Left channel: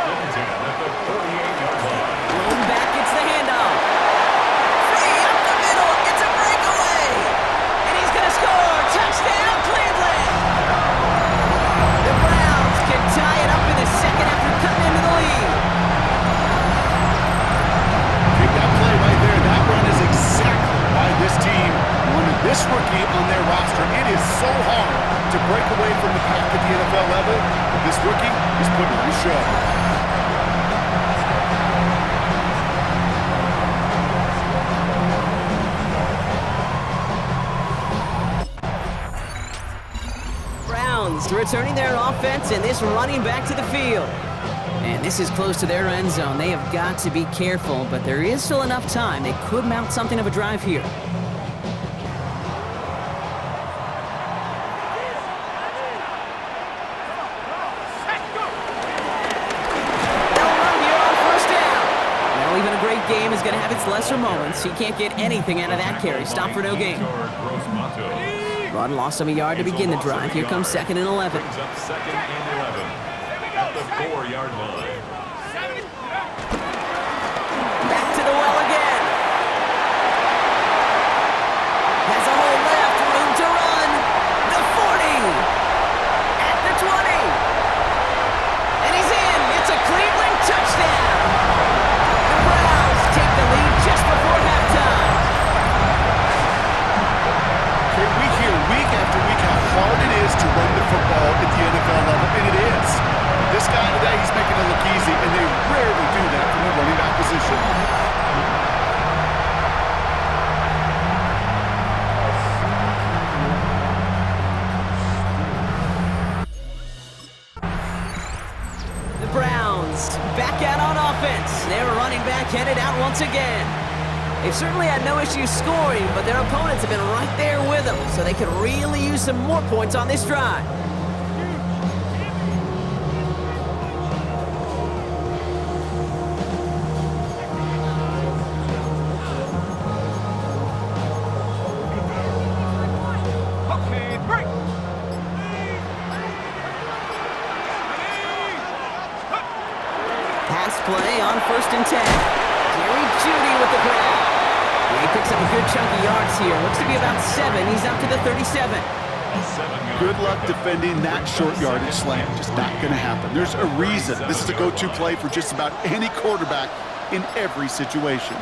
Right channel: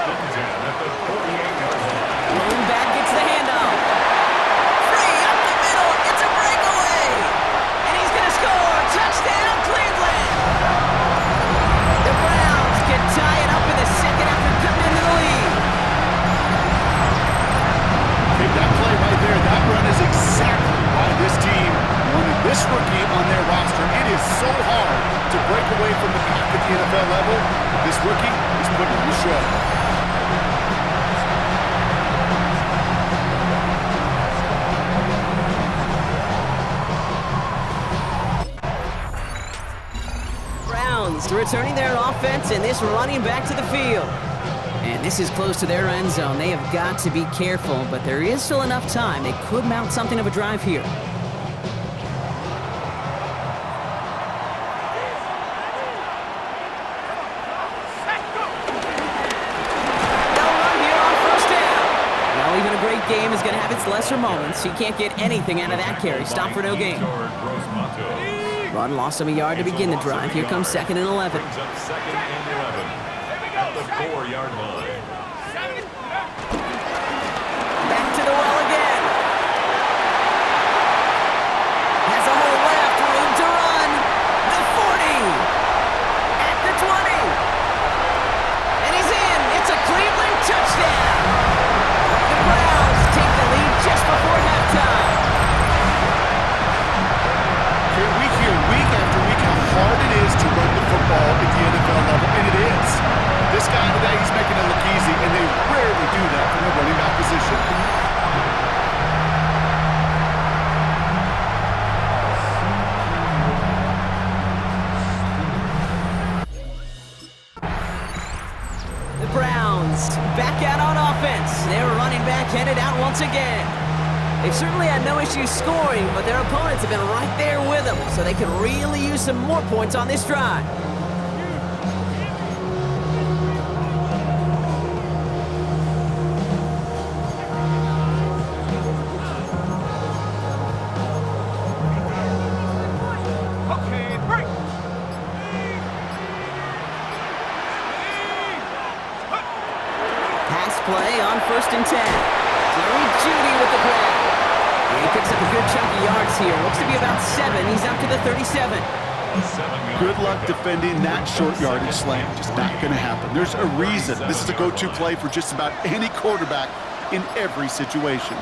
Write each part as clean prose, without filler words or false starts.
at the 48-yard line. Blown back, gets the handoff. Free up the middle, it's a breakaway. And he's going to score. Touchdown, Cleveland. The Browns can tie it up in the second after cutting into the lead. Take that play right there. That run is exactly why this team wanted this rookie on their roster. It is so hard to break away from the pack at the NFL level, but this rookie is putting on a show. Browns returning their offense and this running back to the field. And this is close to their end zone. They have got to be careful, but there is still enough time. They could mount something of a drive here. They'll run here on first down. Well, even a great game is going to have its lesser moments. He can't get anything out of that carry. Stop for no gain. Run lost him a yard to begin the drive. Here comes 2nd and 11. Brings up 2nd and 11 at the 4-yard line. Back to the well again. Has a hole left, room to run. The 40. At the 20. And he's in. It's a Cleveland touchdown. The Browns take the lead just before halftime. Okay, we hear week after week how hard it is to run the football at the NFL level, and it is. But this guy today, he's making it look easy, and they rarely do that from the running back position. The Browns back out on offense. Their running back headed out once again. They've certainly had no issues scoring, but their opponents have been right there with them, so they could really use some more points on this drive. Pass play on 1st and 10. Jerry Jeudy with the grab. He picks up a good chunk of yards here. Looks to be about 7. He's up to the 37. Good luck defending that short yardage slant. Just not going to happen. There's a reason this is a go-to play for just about any quarterback in every situation.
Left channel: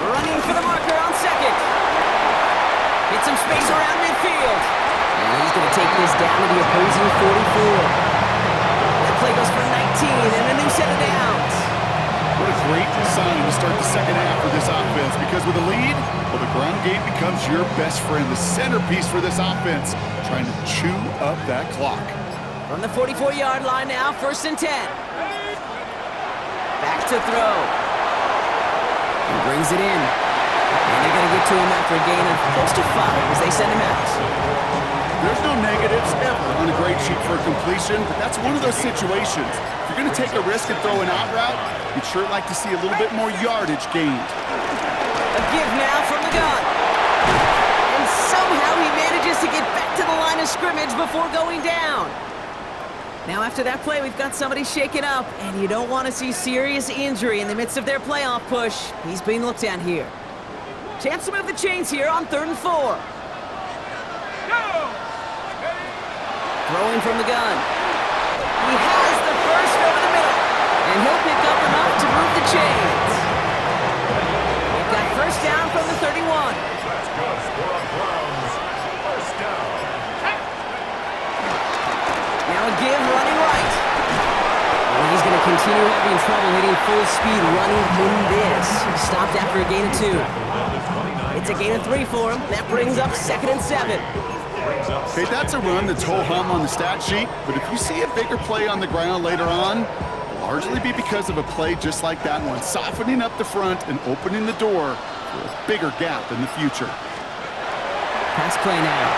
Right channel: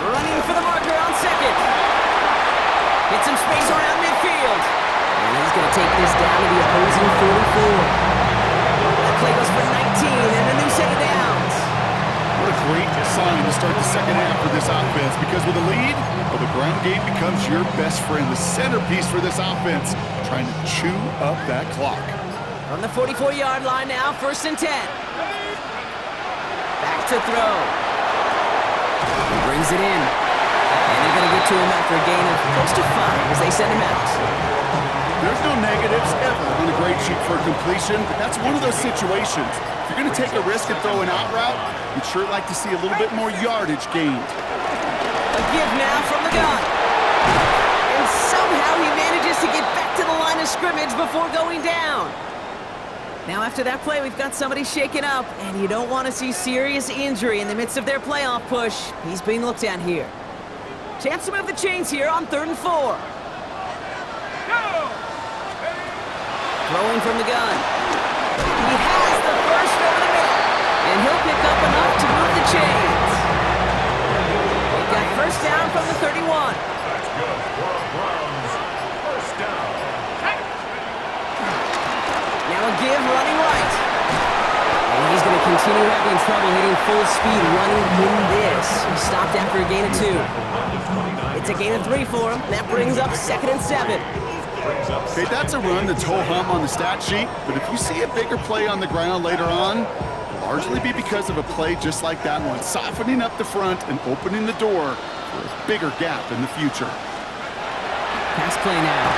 Running for the marker on 2nd. Hit some space around midfield. And he's going to take this down to the opposing 44. That play goes for 19 and a new set of downs. What a great sign to start the second half for this offense, because with a lead, well, the ground game becomes your best friend, the centerpiece for this offense, trying to chew up that clock. From the 44-yard line now, 1st and 10. Back to throw. He brings it in. And they're going to get to him after a gain of close to 5 as they send him out. There's no negatives ever on a great sheet for a completion, but that's one of those situations. If you're going to take a risk and throw an out route, you'd sure like to see a little bit more yardage gained. A give now from the gun. And somehow he manages to get back to the line of scrimmage before going down. Now after that play, we've got somebody shaken up, and you don't want to see serious injury in the midst of their playoff push. He's being looked at here. Chance to move the chains here on 3rd and 4. Throwing from the gun. He has the first over the middle. And he'll pick up enough to move the chains. They've got first down from the 31. That's good for the Browns. First down. Now a give running right. And he's going to continue having trouble hitting full speed running in this. He stopped after a gain of 2. It's a gain of 3 for him. That brings up 2nd and 7. Okay, that's a run that's ho-hum on the stat sheet, but if you see a bigger play on the ground later on, it'll largely be because of a play just like that one, softening up the front and opening the door for a bigger gap in the future. Pass play now.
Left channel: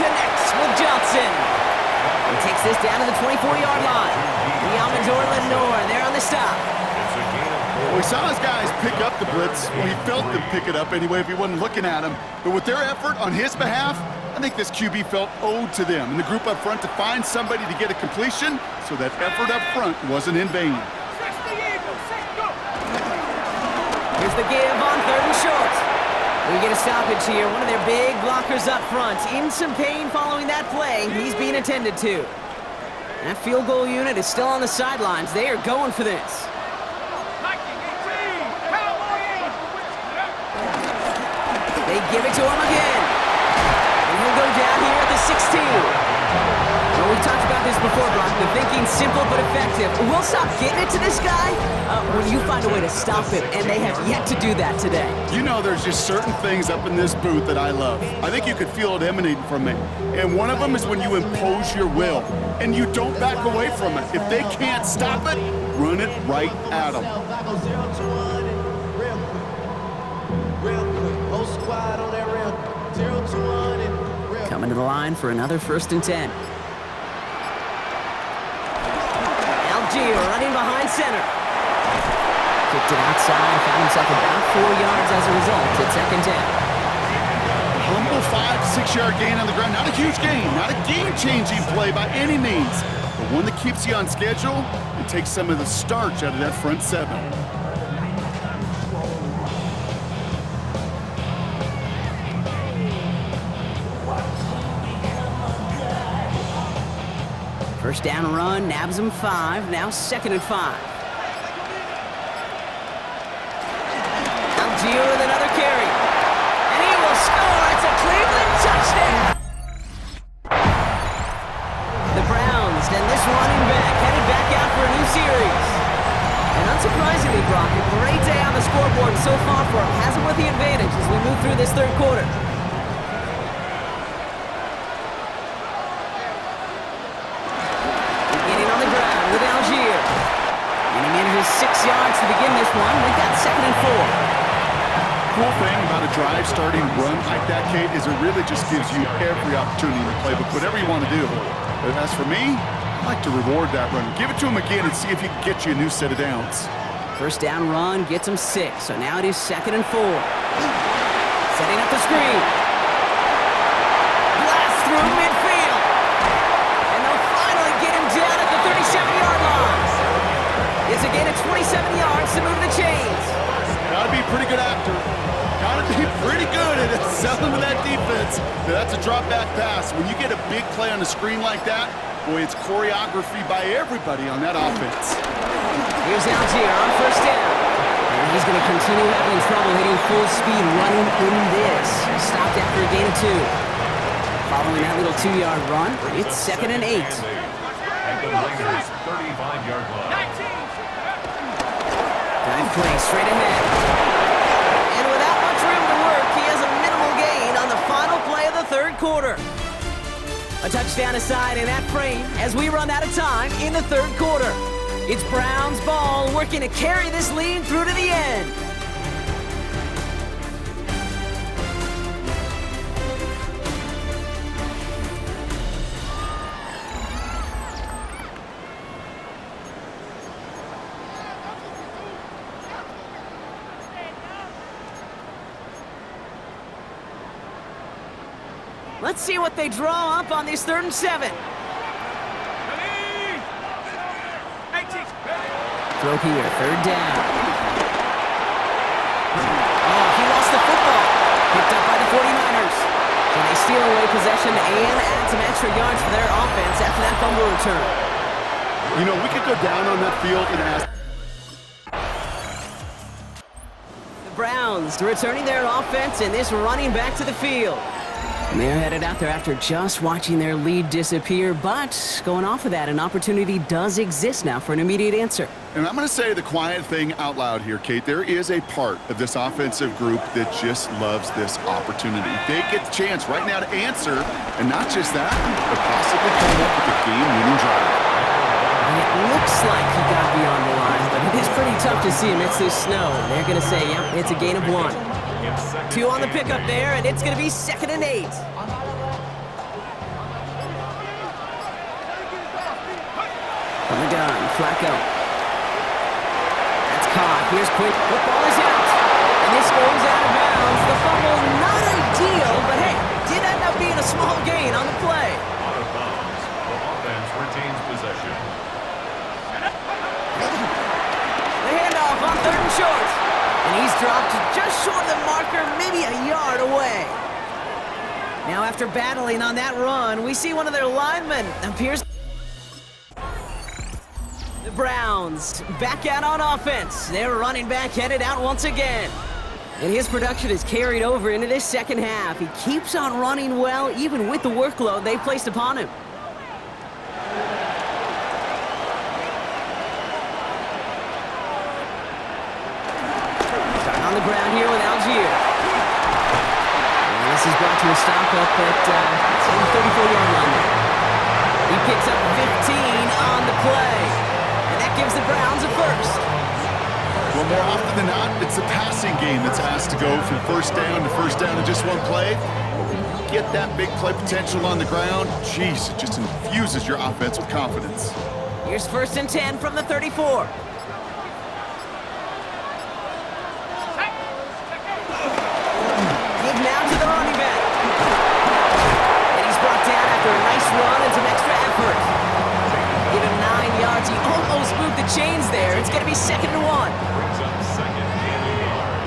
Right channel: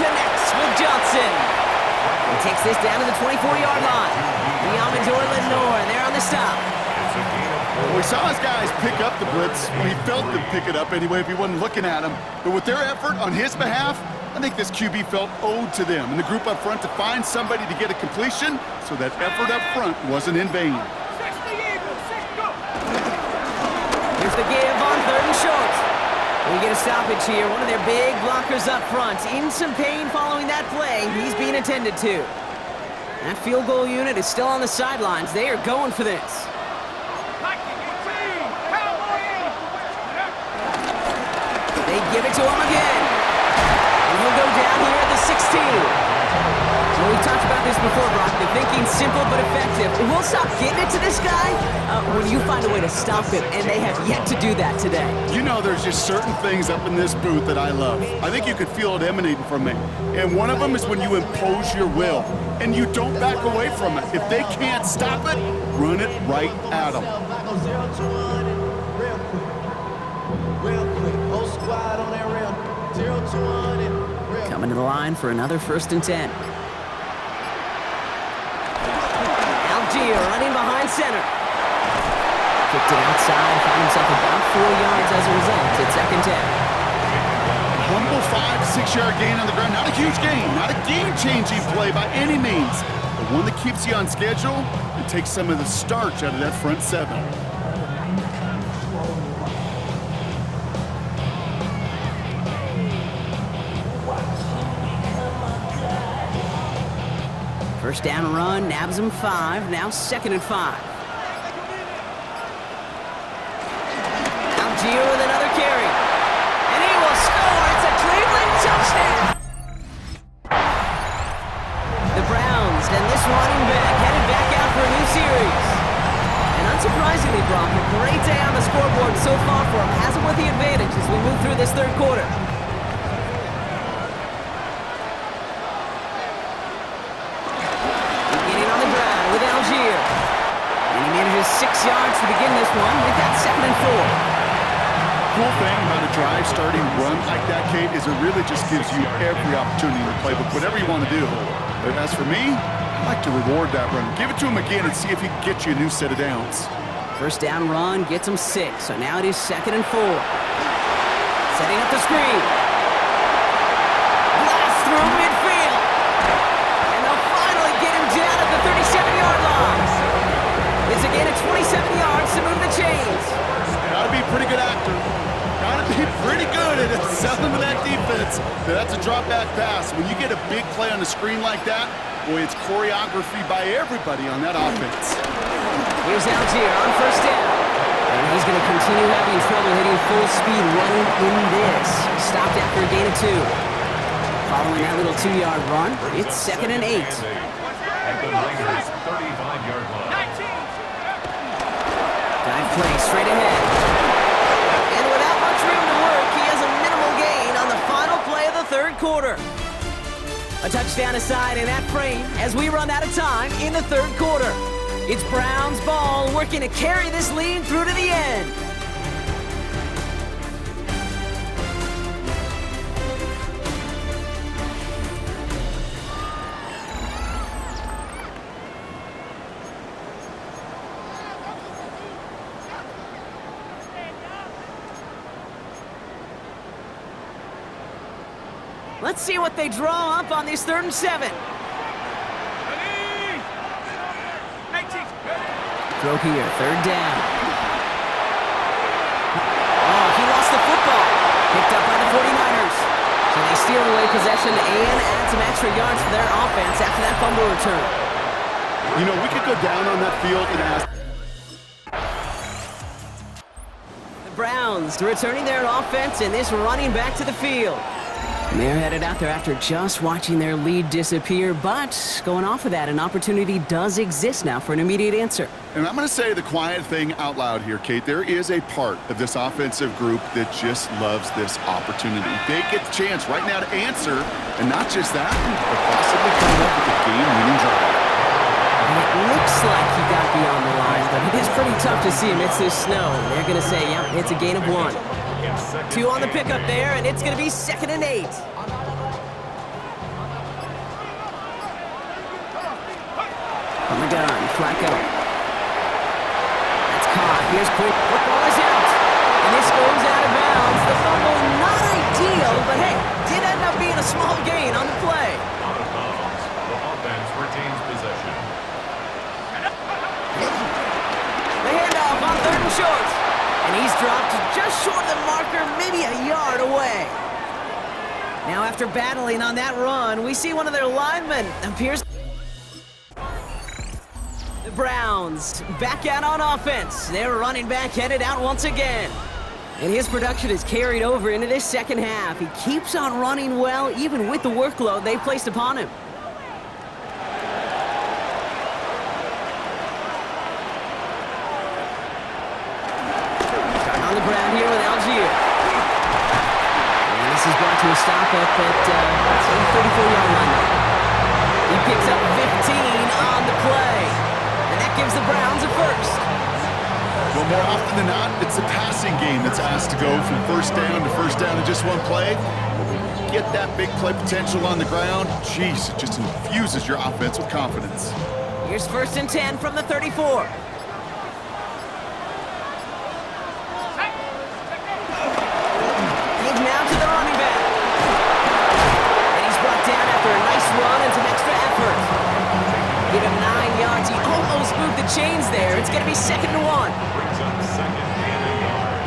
Connects with Johnson. He takes this down to the 24-yard line. The Amador Lenore, they're on the stop. Well, we saw his guys pick up the blitz. Well, he felt them pick it up anyway if he wasn't looking at him. But with their effort on his behalf, I think this QB felt owed to them and the group up front to find somebody to get a completion so that effort up front wasn't in vain. Here's the give on 3rd and short. We get a stoppage here. One of their big blockers up front. In some pain following that play. He's being attended to. That field goal unit is still on the sidelines. They are going for this. They give it to him again. And he'll go down here at the 16. Well, we've talked about this before, Brock. The thinking's simple but effective. We'll stop getting it to this guy when you find a way to stop him, and they have yet to do that today. You know, there's just certain things up in this booth that I love. I think you could feel it emanating from me. And one of them is when you impose your will, and you don't back away from it. If they can't stop it, run it right at them. Coming to the line for another 1st and 10. Algier running behind center. Kicked it outside, found himself about 4 yards as a result. It's 2nd 10. Humble 5-6 yard gain on the ground. Not a huge gain, not a game-changing play by any means, but one that keeps you on schedule and takes some of the starch out of that front 7. First down run, nabs him 5, now 2nd and 5. Algier with another carry. And he will score. It's a Cleveland touchdown. The Browns and this running back headed back out for a new series. And unsurprisingly, Brock, a great day on the scoreboard so far for him. Has him with the advantage as we move through this 3rd quarter. With Algier. And he manages 6 yards to begin this one. We've got 2nd and 4. Cool thing about a drive starting run like that, Kate, is it really just gives you every opportunity in the playbook, whatever you want to do. But as for me, I like to reward that run. Give it to him again and see if he can get you a new set of downs. First down run gets him 6. So now it is 2nd and 4. Setting up the screen. Blast through midfield. Get him down at the 37-yard line. It's a gain of 27 yards to move the chains. Gotta be a pretty good actor. Gotta be pretty good at selling to that defense. That's a drop-back pass. When you get a big play on the screen like that, boy, it's choreography by everybody on that offense. Here's Algier on 1st down. And he's going to continue having trouble hitting full speed running in this. Stopped after a gain of 2. Following that little 2-yard run, it's 2nd and 8. At the Raiders' 35-yard line. Dive play straight ahead. And without much room to work, he has a minimal gain on the final play of the 3rd quarter. A touchdown aside in that frame as we run out of time in the 3rd quarter. It's Browns ball working to carry this lead through to the end. Let's see what they draw up on this 3rd and 7. Throw here, 3rd down. Oh, he lost the football. Picked up by the 49ers. So they steal away possession and add some extra yards for their offense after that fumble return. You know, we could go down on that field and ask. The Browns returning their offense and this running back to the field. And they're headed out there after just watching their lead disappear, but going off of that, an opportunity does exist now for an immediate answer. And I'm going to say the quiet thing out loud here, Kate. There is a part of this offensive group that just loves this opportunity. They get the chance right now to answer, and not just that, but possibly come up with a game-winning drive. And it looks like he got beyond the line, but it is pretty tough to see amidst this snow. They're going to say, yep, it's a gain of 1. 2 on the pickup there, and it's going to be 2nd and 8. From the gun, Flacco. That's caught. Here's Quick. Football is out. And this goes out of bounds. The fumble not deal, but hey, did end up being a small gain on the play. Out of bounds. The offense retains possession. The handoff on 3rd and short. And he's dropped just short of the marker, maybe a yard away. Now after battling on that run, we see one of their linemen appears. The Browns back out on offense. Their running back headed out once again. And his production is carried over into this second half. He keeps on running well, even with the workload they've placed upon him. Starting on the ground here with Algier. And this is brought to a stop up at, say, the 34-yard line there. He picks up 15 on the play. And that gives the Browns a first. Well, more often than not, it's the passing game that's asked to go from first down to first down in just one play. But when you get that big play potential on the ground, geez, it just infuses your offense with confidence. Here's 1st and 10 from the 34. Give now to the running back. And he's brought down after a nice run and some extra effort. Give him 9 yards. He almost moved the chains there. It's going to be 2nd and 1. Brings up 2nd and a yard.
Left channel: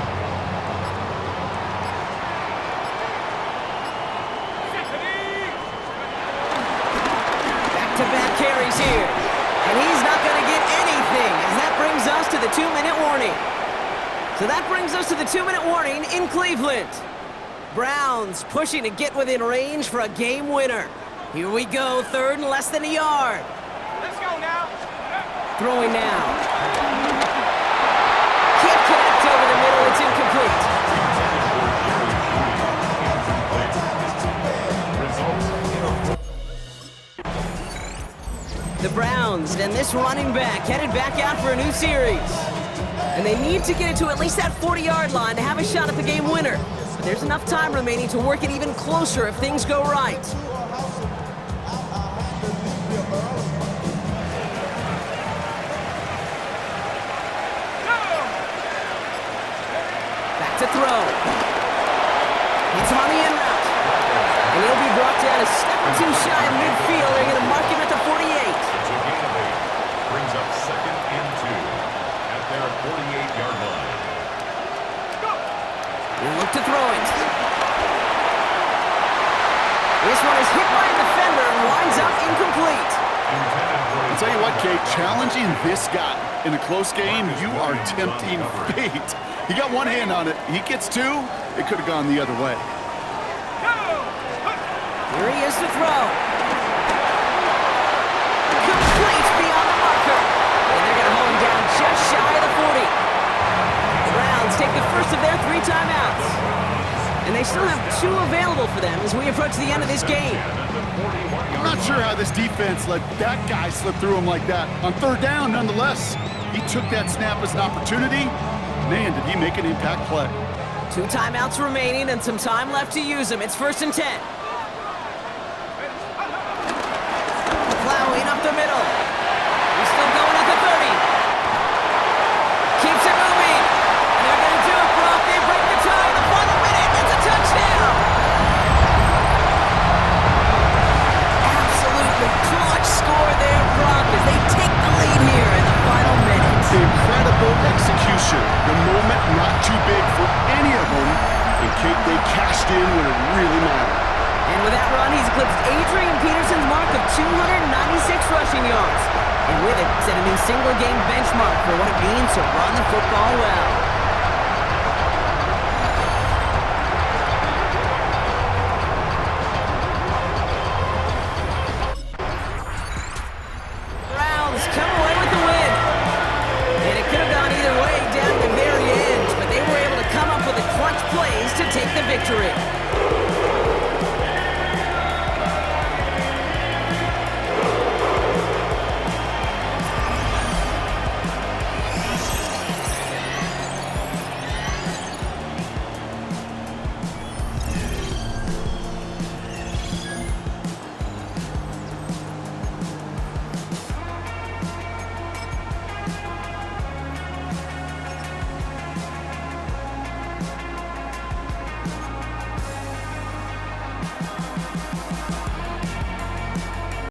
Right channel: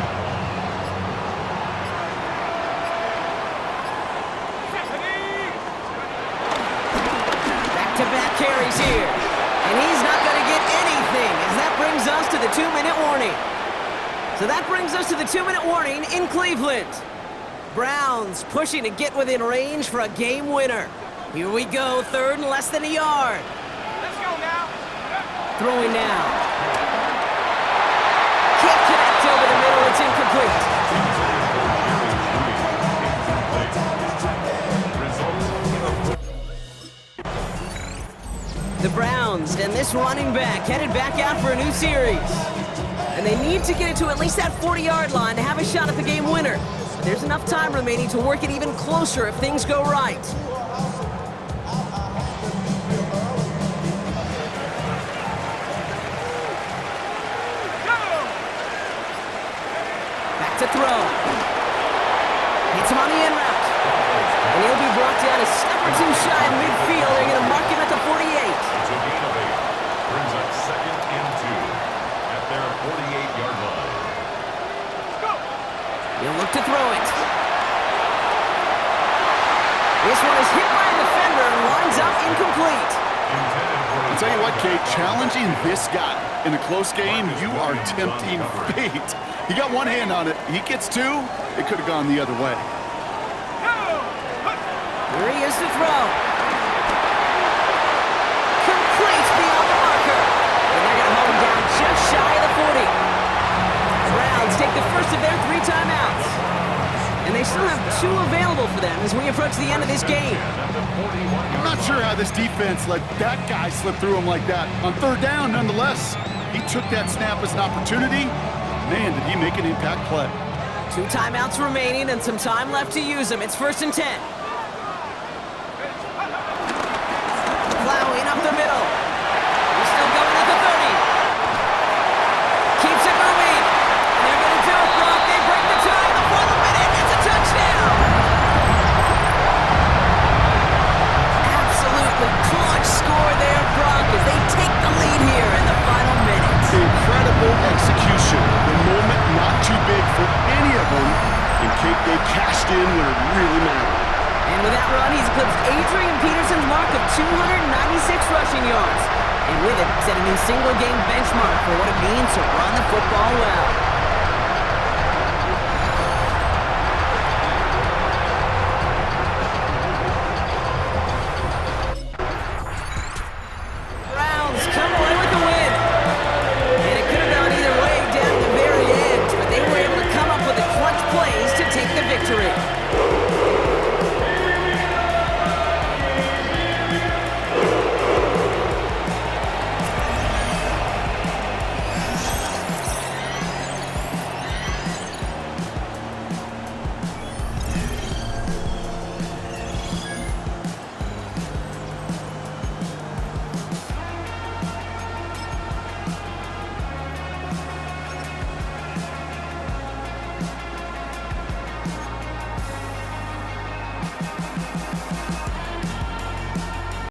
Back-to-back carries here. And he's not going to get anything as that brings us to the 2-minute warning. So that brings us to the 2-minute warning in Cleveland. Browns pushing to get within range for a game winner. Here we go, 3rd and less than a yard. Let's go now. Throwing now. Can't connect over the middle. It's incomplete. The Browns and this running back headed back out for a new series. And they need to get it to at least that 40-yard line to have a shot at the game winner. But there's enough time remaining to work it even closer if things go right. To throw. Hits him on the in route. And he'll be brought down a step or two shy of midfield. They're going to mark him at the 48. It's a gain of 8. Brings up 2nd and 2 at their 48-yard line. He'll look to throw it. This one is hit by a defender and winds up incomplete. I'll tell you what, Kate, challenging this guy in a close game, you are tempting fate. He got one hand on it. He gets 2. It could have gone the other way. Here he is to throw. Complete beyond the marker. And they're going to hold him down just shy of the 40. The Browns take the first of their 3 timeouts. And they still have 2 available for them as we approach the end of this game. I'm not sure how this defense let that guy slip through him like that. On 3rd down, nonetheless, he took that snap as an opportunity. Man, did he make an impact play. 2 timeouts remaining and some time left to use them. It's 1st and 10. Plowing up the middle. He's still going at the 30. Keeps it moving. And they're going to do it, Brock. They break the tie in the final minute. It's a touchdown. Absolutely clutch score there, Brock, as they take the lead here in the final minute. Incredible execution. The moment not too big for any of them. And Kate, they cashed in when it really mattered. And with that run, he's eclipsed Adrian Peterson's mark of 296 rushing yards. And with it, set a new single-game benchmark for what it means to run the football well. Browns come away with the win. And it could have gone either way down to the very end, but they were able to come up with the clutch plays to take the victory.